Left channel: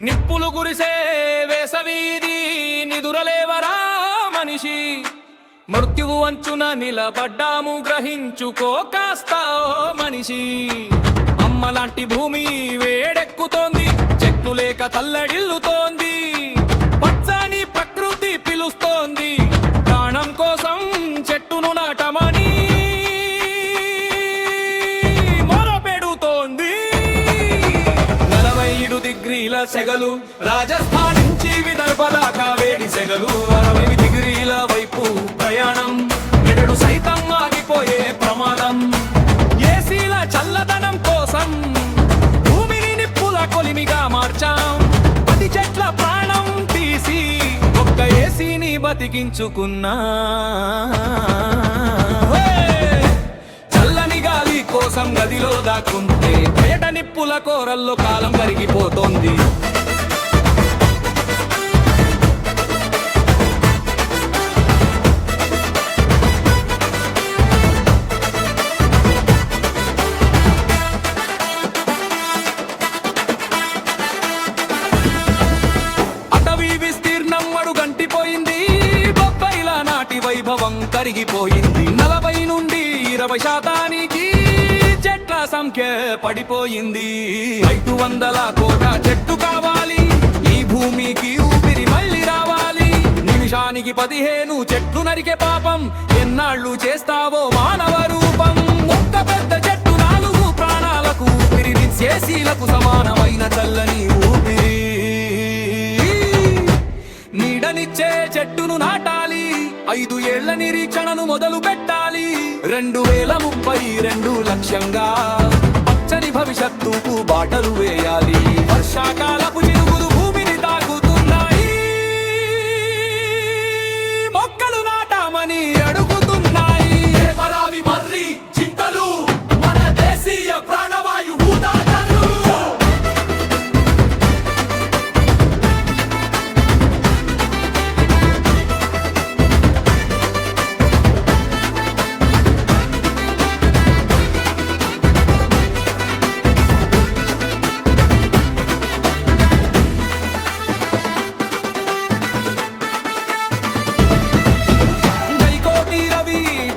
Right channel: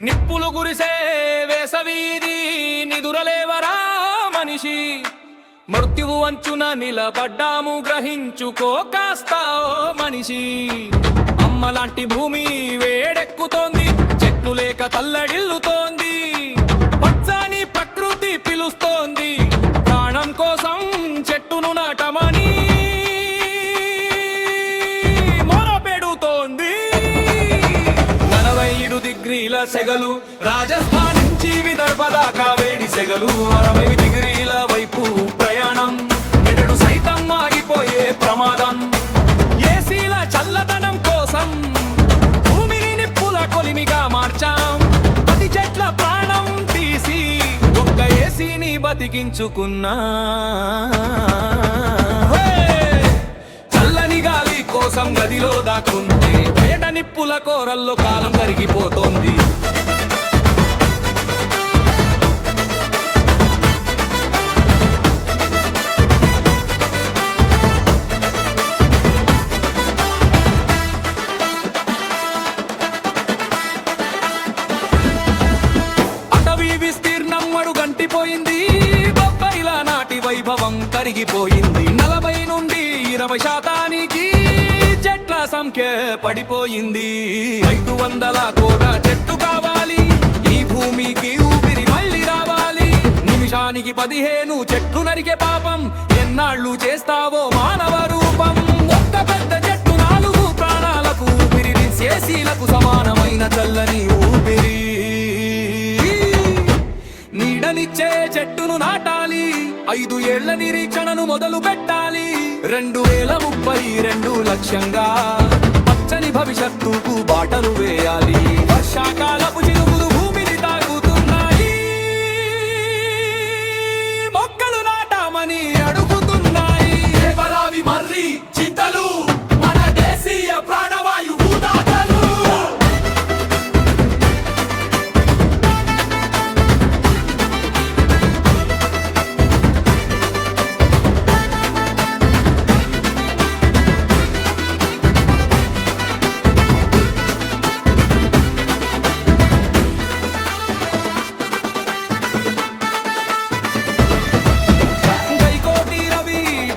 నిప్పులు గురిసే వేసవీధి నిదురలేవరా మనిషి, మృత్యువు అంచున నిలబడ్డాము గ్రహించుకో కాస్త మనిషి. అమ్మలాంటి భూమి వేడెక్కుతోంది, చెట్లు లేక తల్లడిల్లుతోంది, పచ్చని ప్రకృతి పిలుస్తోంది, ప్రాణం కోసం చెట్టును నాటమని మొరపెడుతోంది. 47 డిగ్రీల సెగలు, రాజస్థాన్ నుంచి విదర్భ దాకా వేడి సెగలు, 60 డిగ్రీల వైపు ప్రయాణం, మెదడు సైతం ఆగిపోయే ప్రమాదం. ఏసీల చల్లదనం కోసం భూమిని నిప్పుల కొలిమిగా మార్చాం, 10 చెట్ల ప్రాణం తీసి ఒక్క ఏసీని బతికించుకున్నా. చల్లని గాలి కోసం గదిలో దాక్కుంటే బయట నిప్పుల కోరల్లో కాలం కరిగిపోతోంది. విస్తీర్ణం అడుగంటిపోయింది, బొబ్బైల నాటి వైభవం కరిగిపోయింది. 40 నుండి 20% చెట్ల సంఖ్య పడిపోయింది. 500 కోట్ల చెట్టు కావాలి ఈ భూమికి ఊపిరి మళ్ళీ రావాలి. నిమిషానికి 15 చెట్లు నరికే పాపం ఎన్నాళ్ళు చేస్తావో మానవ రూపం. ఒక్క పెద్ద చెట్టు 4 ప్రాణాలకు ఊపిరి, ఏసీలకు సమానమైన చల్లని ఊపిరి. నీడనిచ్చే చెట్టును నాటాలి, 5 ఏళ్ల నిరీక్షణను మొదలు పెట్టాలి. 2032 లక్ష్యంగా పచ్చని భవిష్యత్తుకు బాటలు వేయాలి. వర్షాకాలపు చినుకులు భూమిని తాకుతున్నాయి, మొక్కలు నాటామని అడుగుతున్నాయి. దేవరావి మర్రి చింతలు మన దేశీయ ప్రాణవాయు ఊదాటలు.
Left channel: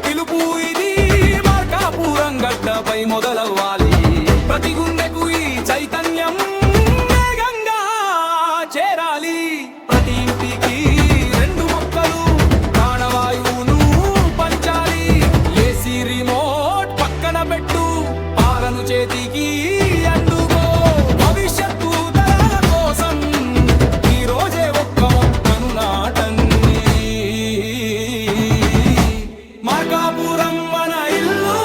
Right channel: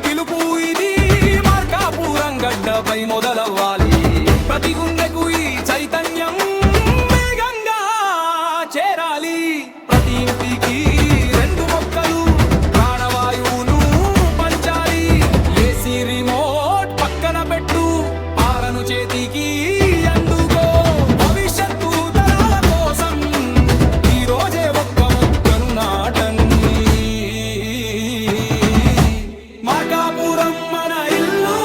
పిలుపు ఇది మార్కాపురం గడ్డపై మొదలవ్వాలి. ప్రతి గుండెకు ఈ చైతన్యం వేగంగా చేరాలి. ప్రతి ఇంటికి 2 మొక్కలు ప్రాణవాయువును పంచాలి. ఏసీ రిమోట్ పక్కన పెట్టు, పాలను చేతికి అందుకో. భవిష్యత్తు తరాల కోసం ఈ రోజే ఒక్క మొక్కను నాటండి. మార్కాపురం మన ఇల్లు,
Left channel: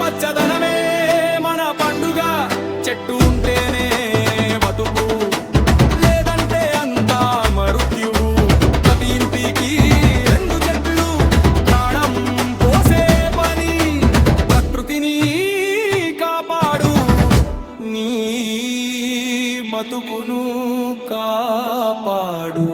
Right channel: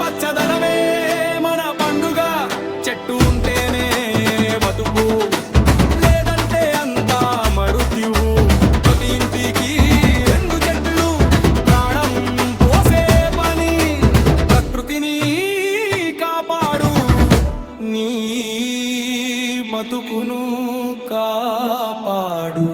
పచ్చదనమే మన పండుగ. చెట్టు ఉంటేనే బతుకు, లేదంటే అంతా మృత్యువు. ప్రతి ఇంటికి 2 చెట్లు ప్రాణం పోసే పని. ప్రకృతిని కాపాడు, నీ బతుకును కాపాడు.